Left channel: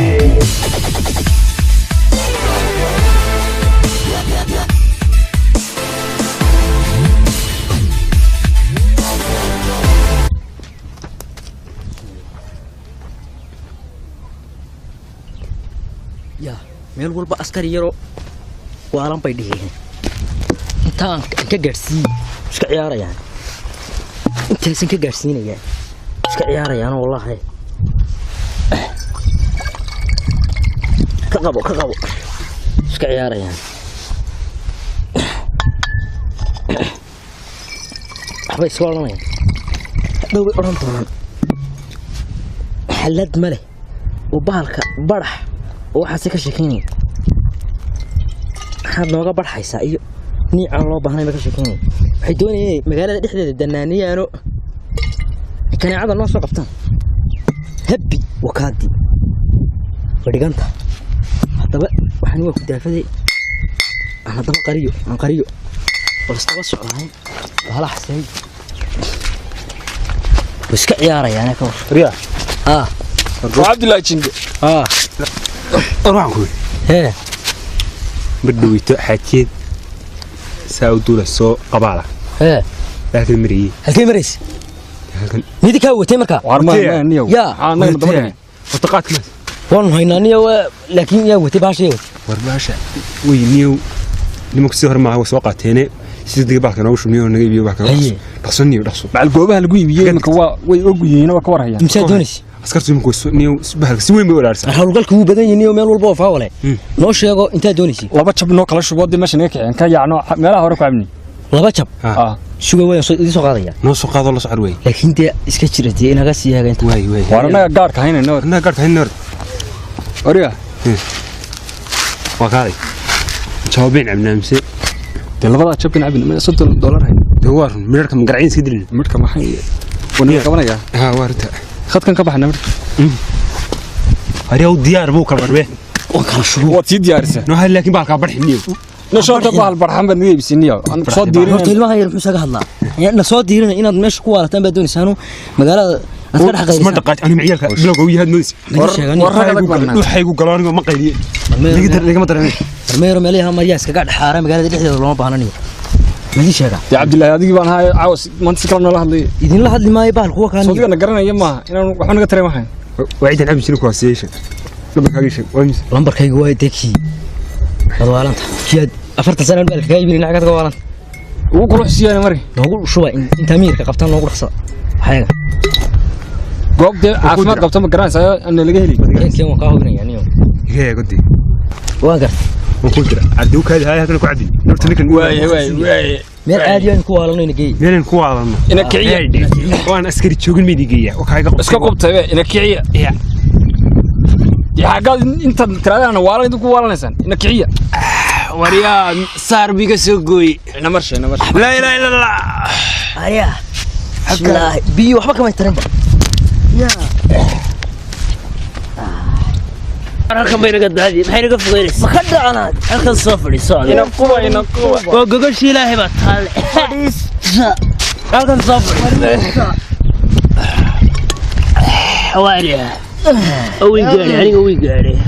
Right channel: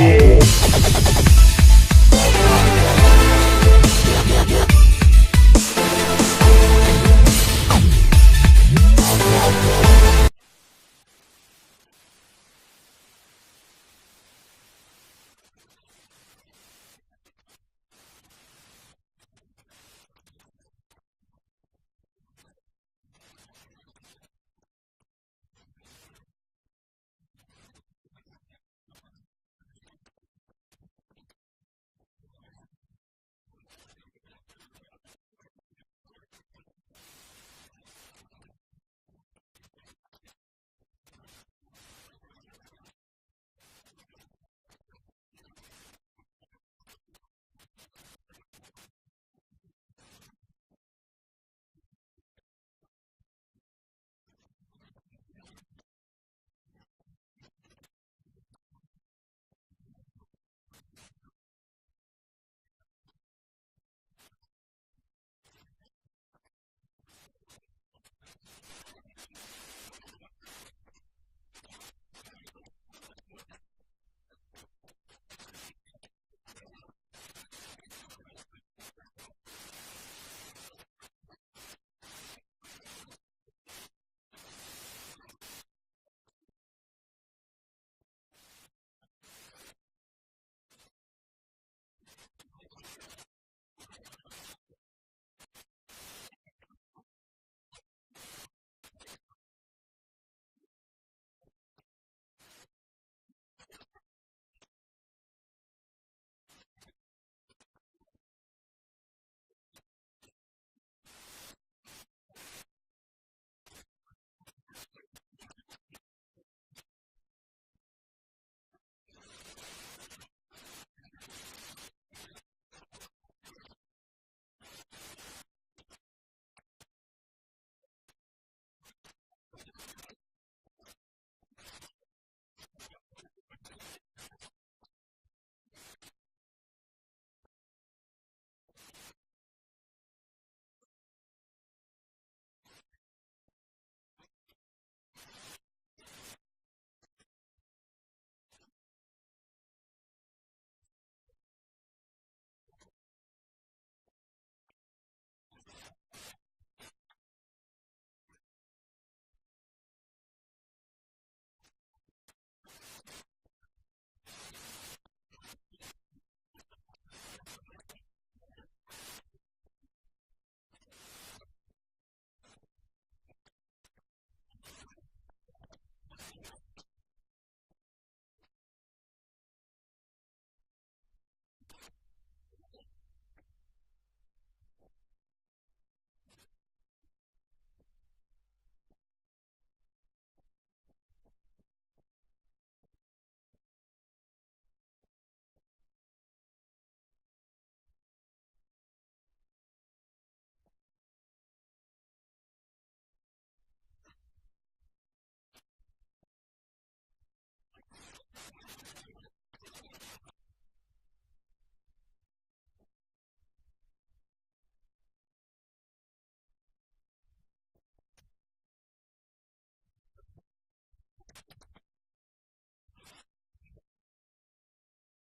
يا meel walba askari yaro waalan bay dhigeen intaan ka gaarsiin iska ciyaarayaan intaas ka gaarsiinayaan iska ciyaarayaan wallahi ka qabo iska ciyaarayaan waxbay soo oranayaan dhow bay oran doonaan xalad male oo bahalka barax waxaas ka sheekeynay waxaad nooga barxaysaa iyo niicaan loo baahnay ma ka sheekeynay waxay doonayeen magaalada dhexdeeda danaaniyaano kanaacada noo soo qabtaan habbi wakaadi fadhiganta haddaba waxaan waa ku daafaday haddaba qariyo walastaba socdaan wala xasay iska ciyaarayaan ka war riyaa عبد الله جنجة أروحكم هه بدو يتحكي ساودولا سو قبالة لكن مري هلكي مريس ميدي كاو تيمركا وارما نيو يا أنا مدبرني وطقات مات والله هينا نيو لكن يا وتي باشي ورباشا وي نيو نمك سهر معه وسوقات هنا سيدي باك أنا وش نيو نجيب باك دخسني ودخسو مع الجوبة هالجوي بيجي مكوا ويجوي هنا وكوره يعني مساعدونيش أسكرت منكم نيو سبهلك سوين بيولارس hawlgalku wuu badan yahay niyo meel walba oo faawale noo sheego inta doonaysi laba jab noo kala shubood meesha neek aan ka yaacno meelaha hore ku abni laba jab shugo weyn soo idin soo qaadaya noo soo qaado la socod way laakiin dee iska jiradii inaga sii hagaynta way warana gaar ka hayna noor gaar ka hayna oriya وقالي جوابين عمنا مسي labada jabkan abin $60 hay دوار مركم مقرعين سيدلنا marka maxay wana qabanaya ها وارتا khadkan ka baxna marka هريو ديار بو كلا ربه وكلا شروع waad sii diyaarisa نو هل لكن بالك برحنيو نشوط bahal barxan bad niyo bisiniyo aan soo diirin horta ilmaha yar muxuu saga hadlaa na soo diirina inaad meesha ku waalataan baa doonaysaano magaalada askar xaqaysan ما دقات انا معيالك بلوغ ويهاد نودس waxay ku galaan ma qayliye niga ma dareemay meero meelaha mariyaas kaga dhaxaara magaalada dhexdeeda looma baahnaaniyo madi sheega ya abdullahi adigi baan haay caws maanta kala nala hadlay idin la hadli maayo bahal kuwa kaan soo diga garanaya ma inaan wax naga tareemahay وعيد العب شنو كواسيشن lambarkaygu waa dekii madwaalanta kiyaad 40 sano bal ka iibin lacagta gowaalanta ugu quluxsiiyay mari noogu shuba inta miirka qabtaan noogu dhaqsada waxayga goobta caafimaad qabta ma garanaysaa in laga heli keen waa ka hubinaya niyo هي قدي waa gar وكدر عدوك هذه هاي ku cadin horta ninkan waay meel aad iyo ku waalanayna geey meel ku waalanno ina kiciya waan askari joogin midigiya waxay ka iska qubtay ina kiciya يا قال انت ترى انا والله ku waalanaysan ina kiciya wariya sarbiga soo gooy namarsh la ilaha illa allah aya bismillah biyo waxba kama tarin ya halkan bay naga daadiyay maxay naga fogeynaysaa ma ka dhacanaad halkan soo fadhiiso ina kuwa waa gogosh ilaahay baa taal fadhiisa halkan soo fadhiiso حواليها أوي قاري يعني أوي قاري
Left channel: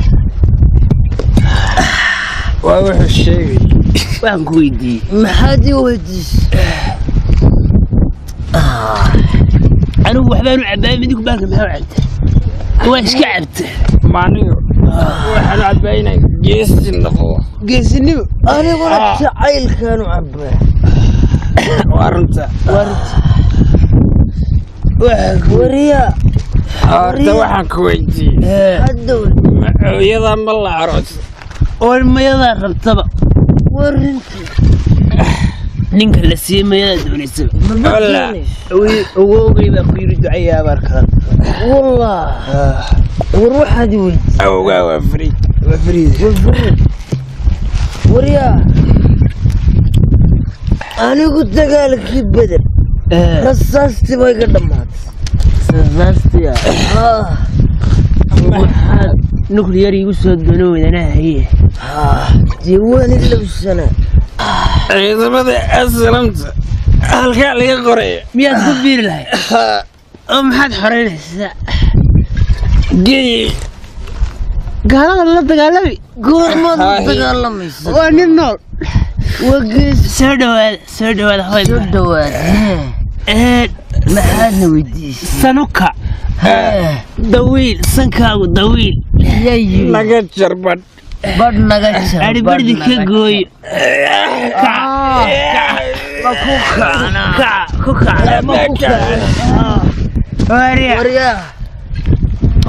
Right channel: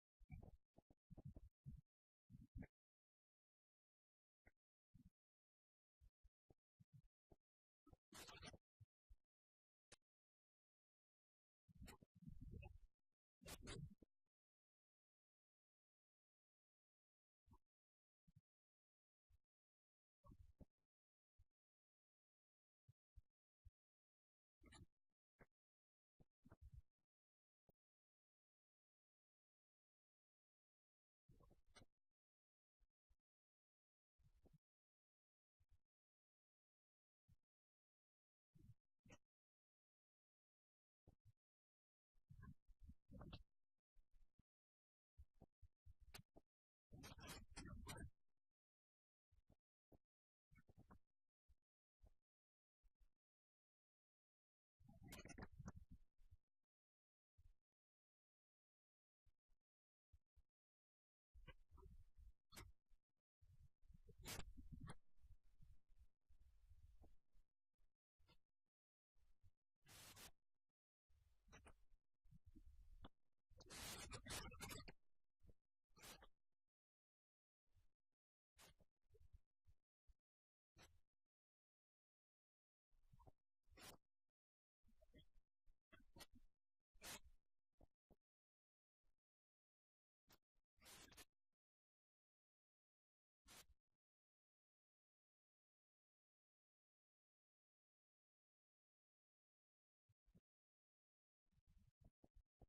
وأروح الشيء وين كويدي ما حد يوديش أنا وحبان وعبان بديك بالك ما وعدت واش كعبت معني واحد عباينا جيس النقوة قيس النبي أنا ورد عيل كانوا عبان وارنت وريا أرتا waxaan ku weydiiyay hadow iyada ma la aroos oo mayada rabtaba warinti ninka la siimaya doonaysa wala ogoogay baa ku yiri ducaya barkan wallah waruuxadi wey awga wa frid wariya anigu dagaalkii bedel rasaasti bay ka dhamaatay rasastiya waxaad nuclear igu soo doonowdanahaye diiwaan ilowsana ciidamada aslamta halkaa laga qoraya miyaad ku biiri lahayd oo maxaad xoreynaysaa gey gaalada la dagaalami goormaad la dagaalamaysa waa nin nool wagees soo dhawaada soo dhawaad maxaadna weydiisay sanuka dawiil sankaagu dawiil naga jarbadh badh naga jar ari bardi ka gooyo ku kacna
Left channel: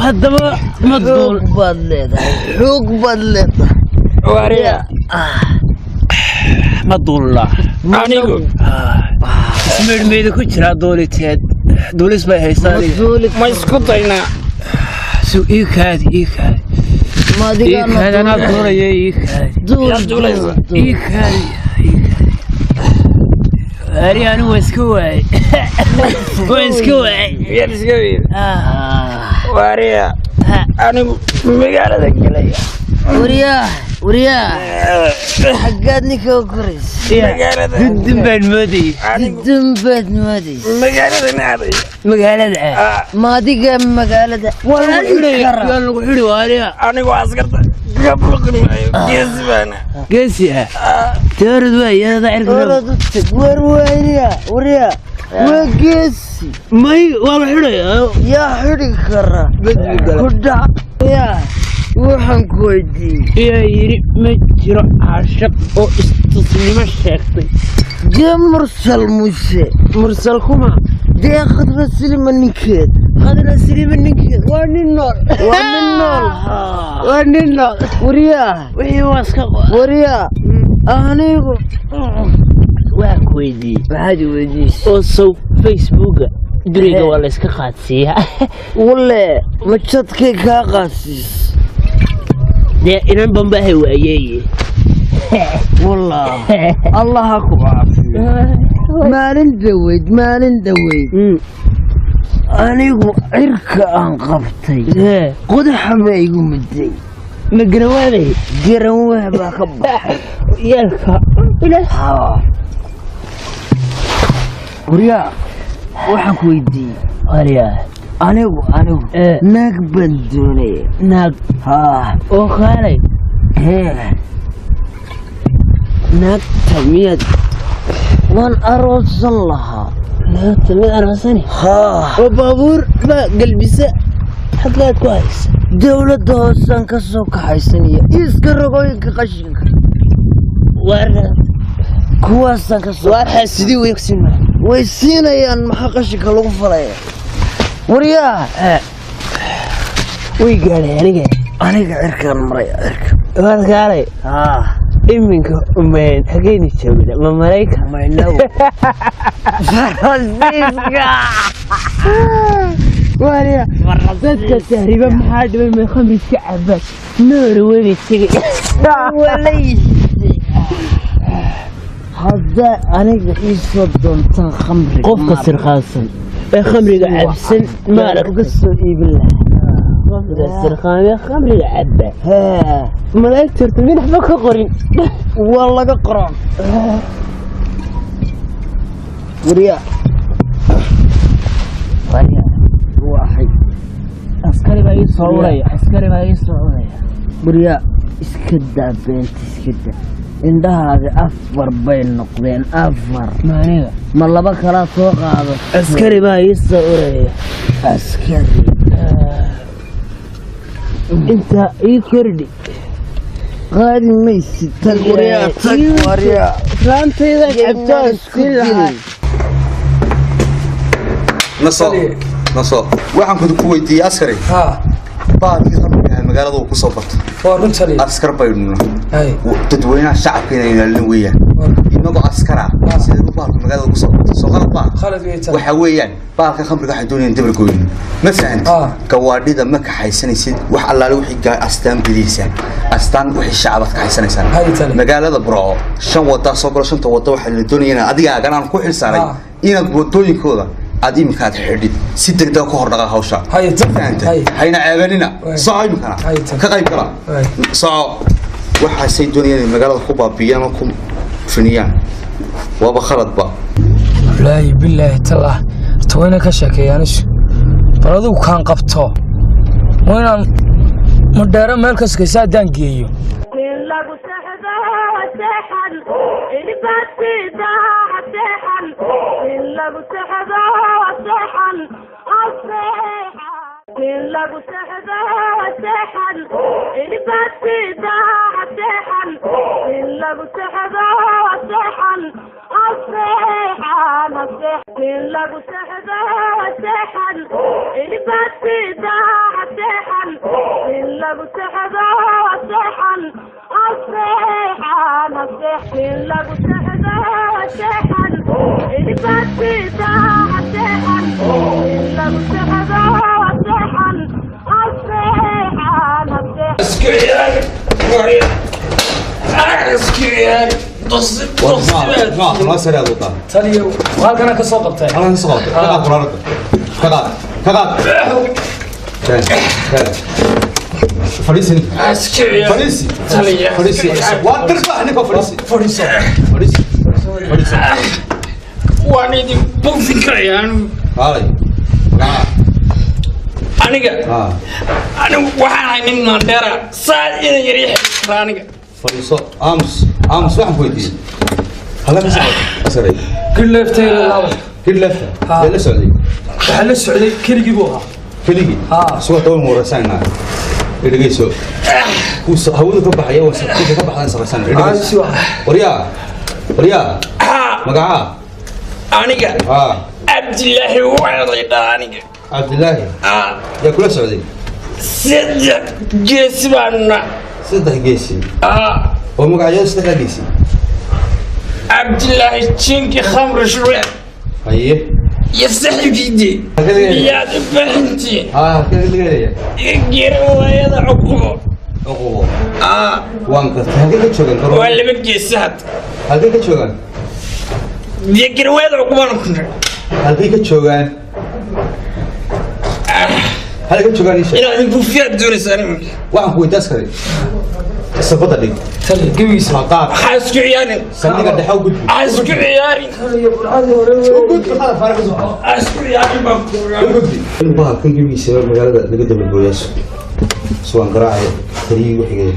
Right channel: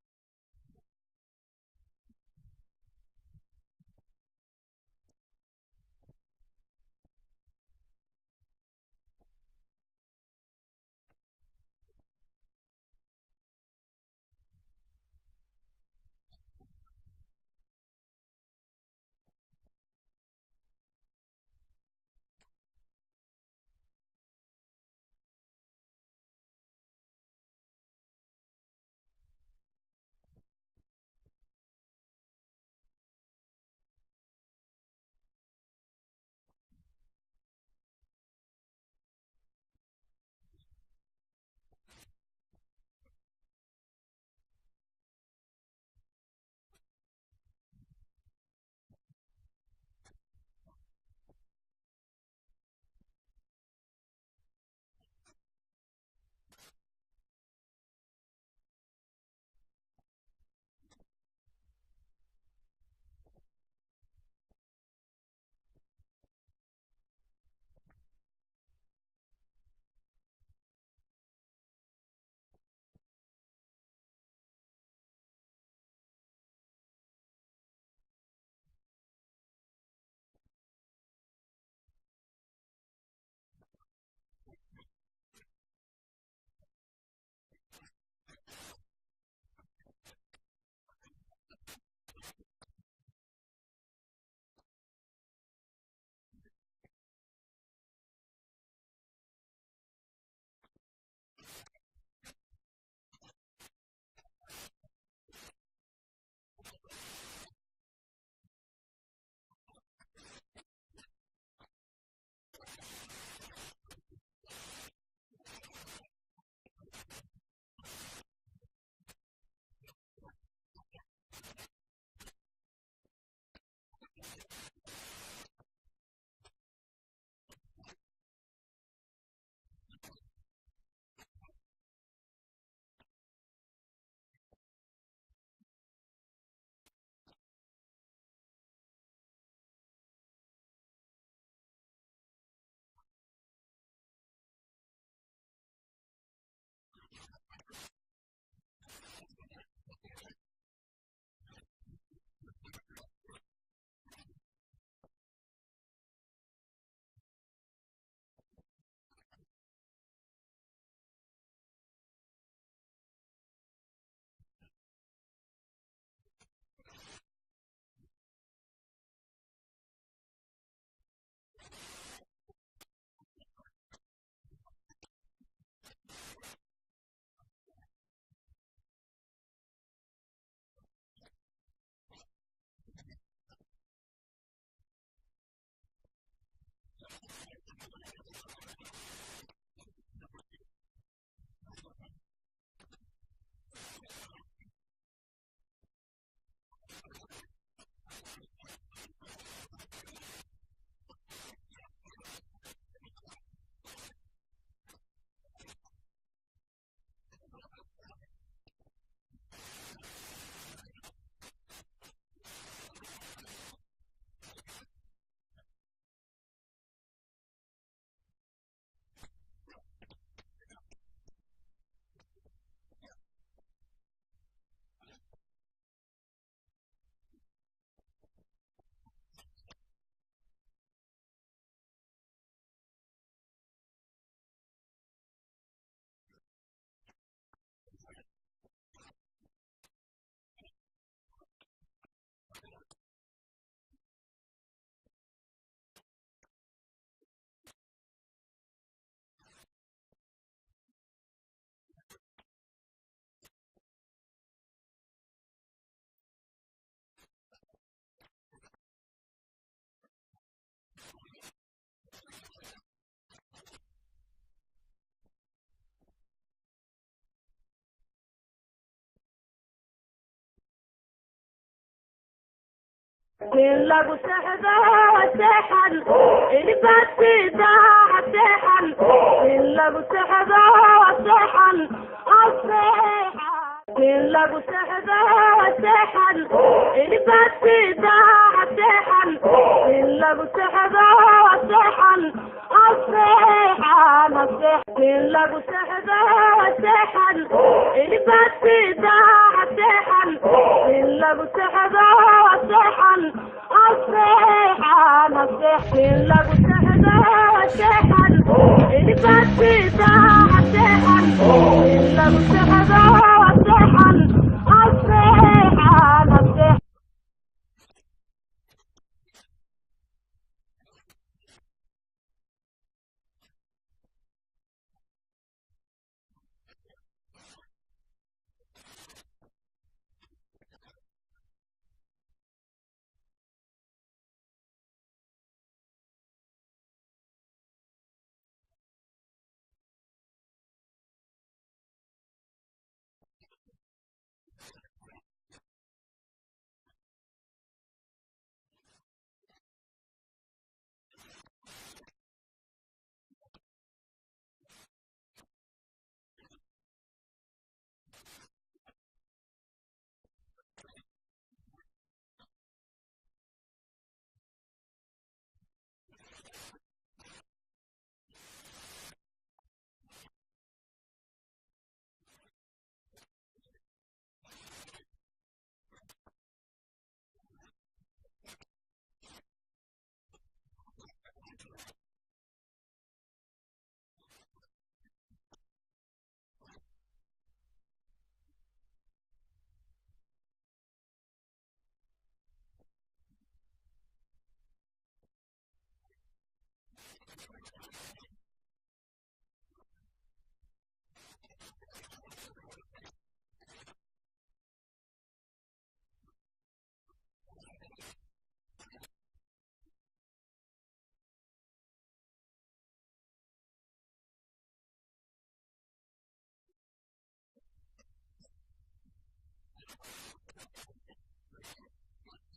haddaba ma duul baad leedahay xoog baad leedahay wariya ma duulla anigu ismeedhmeeda ku jiraa duuliteed duulis bay haysaa ma isku daynaa ii kaadi anaa duulaya ii kaadi ari anigu waa iska waayey yar iska wiil wariya anigu magaalada gelaya wariyaa xaggaad ninka u koraysa dudun baad moodayay magaalada maadiga magaalada waa lagu xidhi waariya anigu askarta ka buqin maayo geesi baana geesi teorad waa iyadada wariyaa waa geesi may waa la xidhayaa yaa xidhi kara ku dhac waxaan ku weydiiyey iyaa yidhi ma jiro caashaq oo istusnimo sheegtay dee mursal kuma dee khadra silima ninkeed waa nin nool wariyaa wixii waa iska wariyaa anigu waa ku weydiiyey maxaad weydiisay oo sow facebooka duriga waa la iska qaadsiiyaa wale ma jadkay kaa qaadsiis dee inan bambahay waayeeye wallah allaha ku caafiyo maalin dhaweyd anigu cirka aan qabtay qodaxa baa igu muday ma garanwaanay garanwah baa ka baxay yaalka wariyaa waxaan ku weydiiyey wariyaa anigu naag baan doonaya naag oo kaalay naagta miyaad waan aroosan lahaa naagta mid aroosani oo baabuur baa galbisa xaggaad ku haysa dowladda hoosaan ka soo kaxaysanaya iiska ragooyinka qashinka kuwaasaan ka soo waarxaa sidii way siinayaan maxaa qashinka lagu falaya wariyaa way gaadhay aniga cirkaan maray waad kaalay iminka hageyni joogna ma maraykan maynaw farasiiska wariya dadka tahriiba maxaa dhibay may khamri iska cabaan noora weynay tegay haddaa aniga ii soo doontaan khamriga qofka sirqaansan ee khamriga cabsan maarag uga soo iibin lahaa qofka sirqaamee khamriga cabba malaa'igta horta min waxba ka qorin waa laga qoran wariyaa waxay askari baa ii soo uraya wariyaa iska daa beenta iska daa indhahaadi 4 bay noqdeen 4 maaniga ma 2 kala soo qaado askari baa ii soo uraya askari inta ii kordhi qaadi maysid tag wariyaa raantayda cabtaan si lahaa naso waxaan ku weydiiyey askari baadkii khamriga magaalada uu ku soo barto askar baydhuna dadweynaha shacabka inay ilaalin weeyaan inagoo askara sidee baalka magaalada ugu soo barto soo qalad baa waxa weeyaan baalka khamriga waxay doonayaan dabar gooyin ma fahanta gawaadhida ma kaxaysanaysid wax allaale wixii astaan bidaysa astaan wixii shacabad kaxaysanaysaa magaalada burco 5 wada soo galo 5 wada waxa la doonayaan adiga aganaan ku xilsaaray inaad wadooyinkooda aad imikaad xidhid si degdeg ku hordhaqa hawsha hayna ceebanina socoymkana ka qayb gala soco waxaasay doonayaan magaalada ku baabiyaan oo ku finiyaan waaba khaladba wallaahi billaahi tallah tawayna ka sheekeeyaan baladu kaan qabto waynaan مدارة مالكس كيسا دانكيو lagu saxdo saxan ilbaati daa saxan lagu saxdo saxan lagu saxdo saxan ilbaati daa saxan lagu saxdo saxan lagu saxdo saxan ilbaati daa saxan lagu saxdo saxan الصيحة نصيحتي لقو سحدة سحن الباتي داع سحن لقو سحدة سحن الصيحة نصيحتي اسكريان وريا اسكريان تصب ما سريع دوطا تاليو وهل كان كسوق بتاعي انا نسقط كذا قرارك كذا فريسي فريسي فريسي وترفع هناك فريسي واني دي بوفيكا يعني هاي أنا واحد من مندرة صار يريح رانيك فريسو أمس واحد بودي هلا مسري كل لفتة الأول كل لفتة لا سعودي هلا السعودي كل يجيبوها كليجي سوى طول مرسانا إدريسو هو كبح يا وسط كبح أنا سرسان إدريسو وريا مقعة أنيك عبد الله وعيضانيك عبد الله يا كل سعودي صدق جسمنا صدق جيسي ومقعة صدق جيسي عبد الله تشينكي خمر شوية أيه يفسح جدي يا بنتي كذا يجروا يا عقوبة وانك هذيك تشوغان ولا بقي سهد هذيك تشوغان يجروا يا عقوبة هذيك تشوغان هذيك تشوغان ايش انا نبوفيا بدون سنه واحد هو تسكري الصفطه دي تلي قويس مقاط حاسك عيالي سنيك دحو قد حاسك عيالي قد هذا فارق زعما حاسك عيالي قد الباب كان جميل سبب مقالة لقد بالبوياس سواء قراعي تريق وحقيقي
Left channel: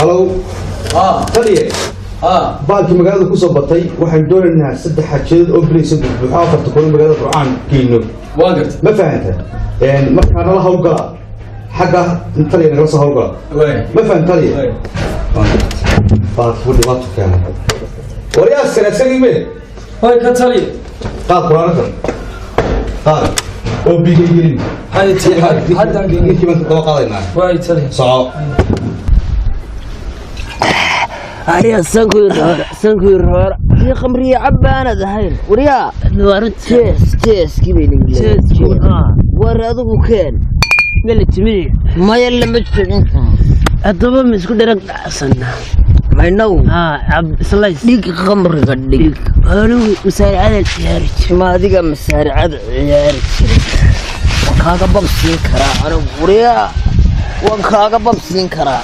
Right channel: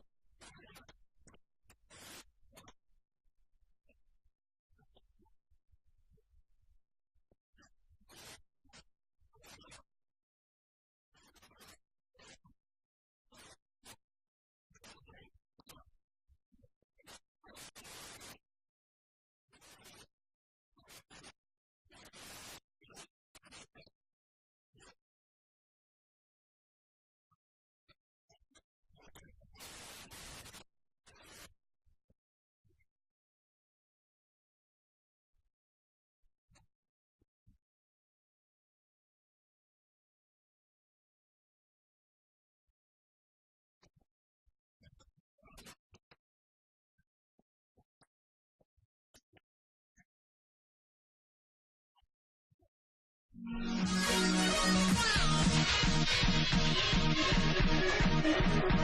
هلو تلي baalkii magaalada ku soo batay waxaan doonaynaa saddex xajeed oo bariis buuxa afarta kun magaalada Qur'aan kiino waa gartay ma fahantaa markaan la hawlgala xagga intaliya naga soo hawlgala ma fahantaa baalkii dhibaato keenay wariyaas kale me way ka taliye qaad Qur'aanka qaad oo bigayeen hay taliye hadda geeyay baan ka qaadaynaa way taliye soo أريا سانكوير هور في خمرية عبانة دهين وريا تيس كيبيني بالله ورادو كان قال لي تمري ما يلا مجتمع الضباب مسكو درك حسنا ما ينو عبد سلايس ديك خمر قديك قالوا مسارع على العيارج ما ديك مسارع على العيارج وكاغا بمسين كرا أنا وريا وكاغا بمسين كرا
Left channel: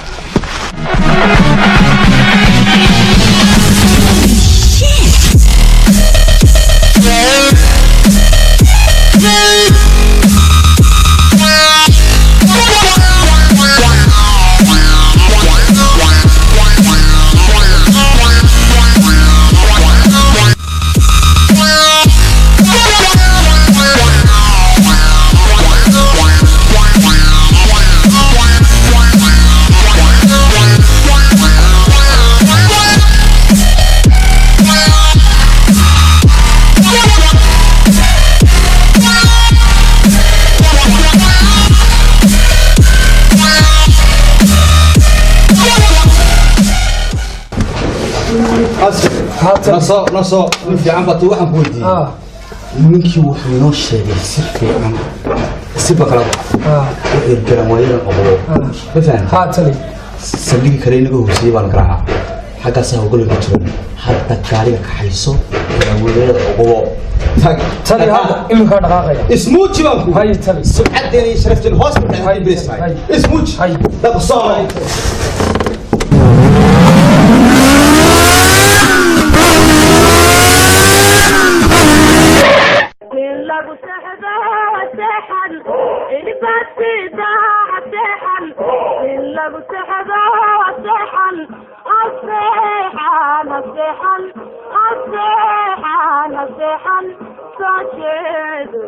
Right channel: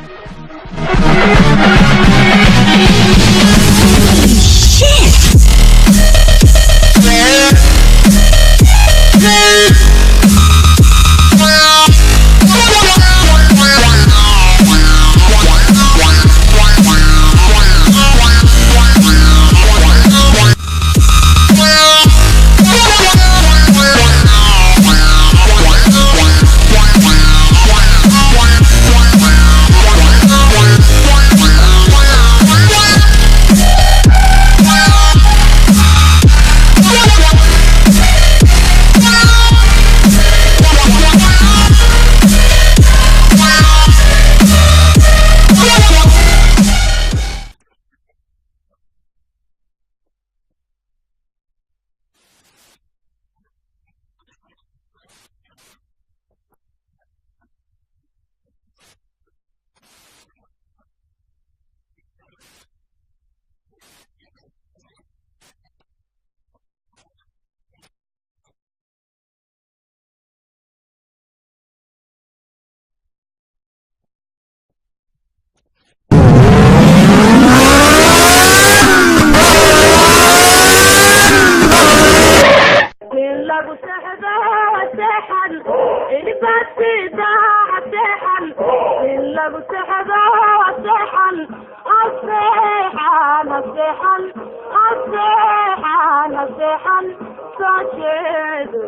نصو في عم بطي واحد بودي منكي وحنا الشيء سيف عم سيف بكرة الكلام وين أبوه بفهم هاتلي سليك كرينه هو سيف على كراها حاجة سهو قول بتشرب حتى كاريك حيسو ولا أبوه تلي هذا إمك هذا غاية اسموتش بانكو هاي تلي سبعة دني شرفت الهوسبيتال هاي بريس هاي اسموتش هاي ده بصار lagu saxdo saxan ilbaati daa saxan lagu seexdo seexan aseexan aseexan aseexan aseexan soo jeedo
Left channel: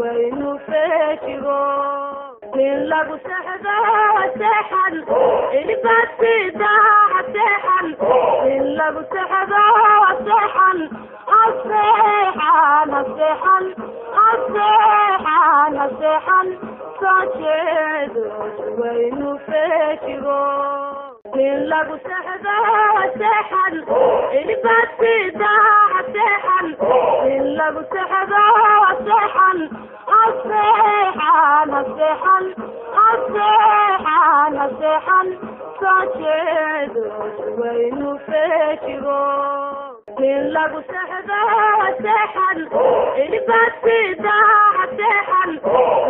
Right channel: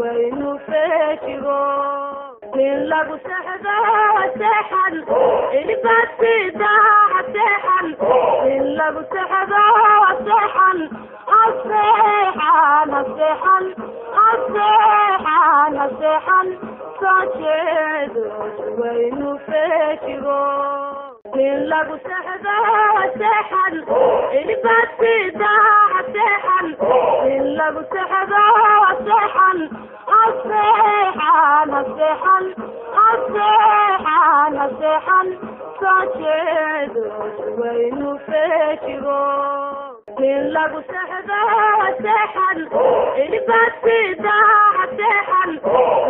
waynu feejigo in lagu seexdo seexan ilbaasida seexan in lagu seexdo seexan aseexan aseexan aseexan aseexan soo jeedo waynu feejigo in lagu seexdo seexan ilbaasida seexan in lagu seexdo seexan aseexan aseexan aseexan aseexan soo jeedo waynu feejigo in lagu seexdo seexan ilbaasida seexan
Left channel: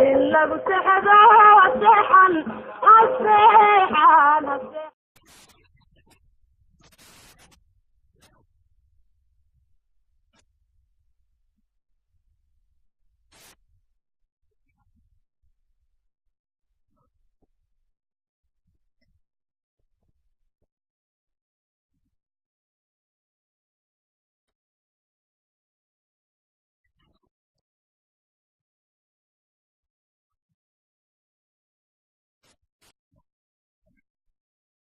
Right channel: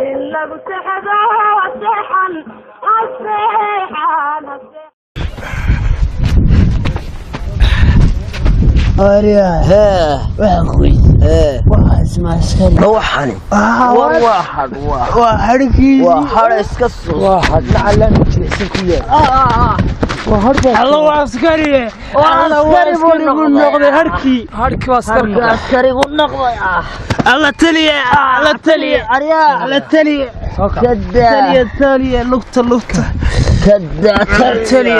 in lagu seexdo seexan aseexan aseexan أريا وأخوي واسمع سكري روحني وحركي وحارس كسر واحد لعلنا نجلس كلنا الله عسكري عسكري بقول نقضي هركي عسكري والنقضي الله تلي الله تلي أريا الله تلي كدا تلي لقطة كدا تلي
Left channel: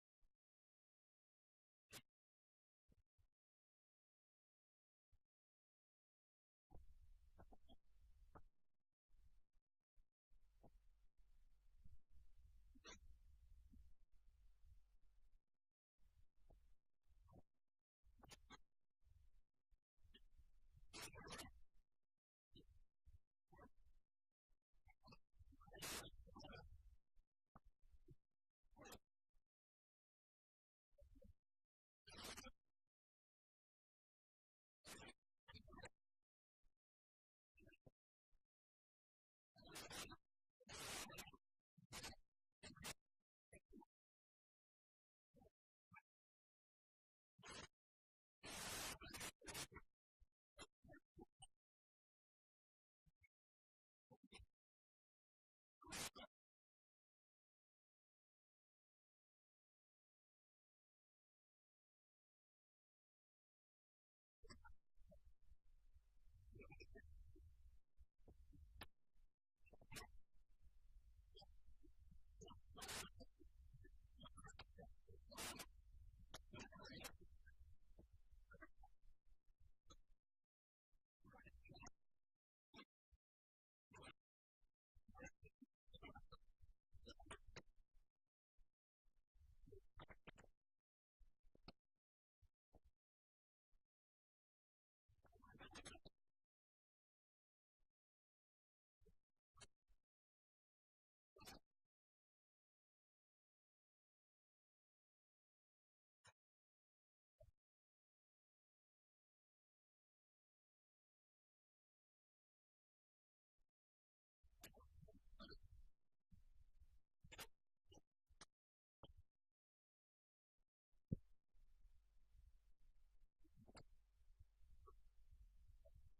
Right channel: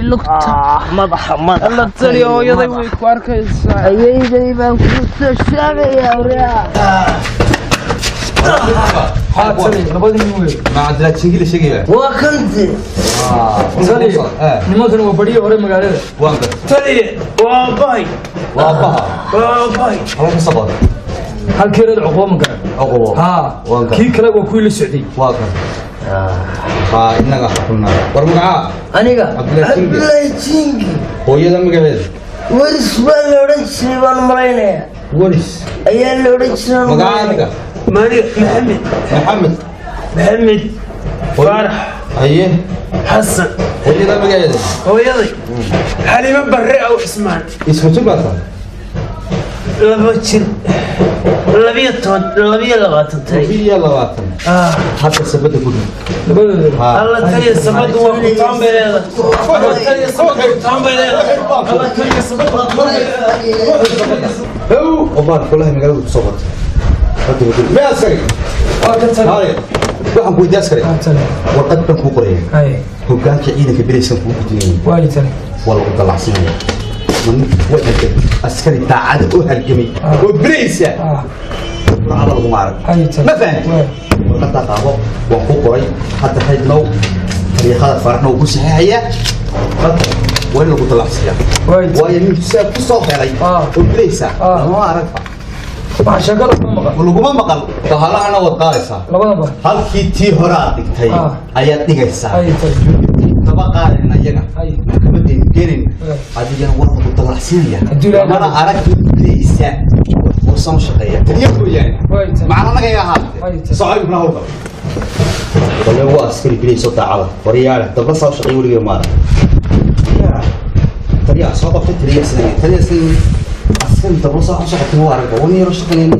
لقطة مضح الله تلي ويضي ويكواركيس أيدي ما كنت الشامي يا أريا ما عندك شيء شيء وكنت تلي ما كانوا بدي أوري مقالة وانك تلي واباي وابها الله يصبر هل كيرد عقوبة مقالة عقوبة ها كي كلا وكل السعودي واقع إنك حكمنا ورمعة أنيقا عبد الله تينجي هو يدا مقالة ورس بالورس بان مرينا ورس أيان لورس مقالة مالك محمد فرح أيه حسن هو يدا مقالة هو يضي حليمة بريئة وعثمان اسمه تبعته لبتشن لبية لغاتن في يلا واتن حتى سبت كله الله تلي سبت وقطان بليلة الله تلي سبت وقطان بليلة الله تلي سبت وقطان بليلة وبعد كلها مقالة صوت ما عسكري هاي waxaan ku weydiin askari warqad baan ku qoray hoggaanka ciidanka bilaysan ku gudbiyay والي wala ku dalacsiinaya man wajhka askari taacada oo halgamay oo bilaysa على المعرض ما فهمت warqad qaabo waan ku qoray hadda haydnow tariikhada farxna ugu saxaya wala ku dalacsiya waayo mid saab ku soo xeelay oo bilaysa ma aragta شغال ولقما مقال تهلا wad qaadaysaa halkii tii hore aad dhigtay ayaad dhigaysaa taba qaadin ayaga maxkamadeena keenin adigana war ku dalacsiinaya mana aragti bilaysa oo soo shaqeeya taniya gooyaan macna naga yahay socod ibn hawlka wala waa askari bilayso taacada wariyaal daba soo shaqeeyo wariga maar tariya soo qabtay tariya sanad askari daba soo shaqeeyo waa arag وني رشقني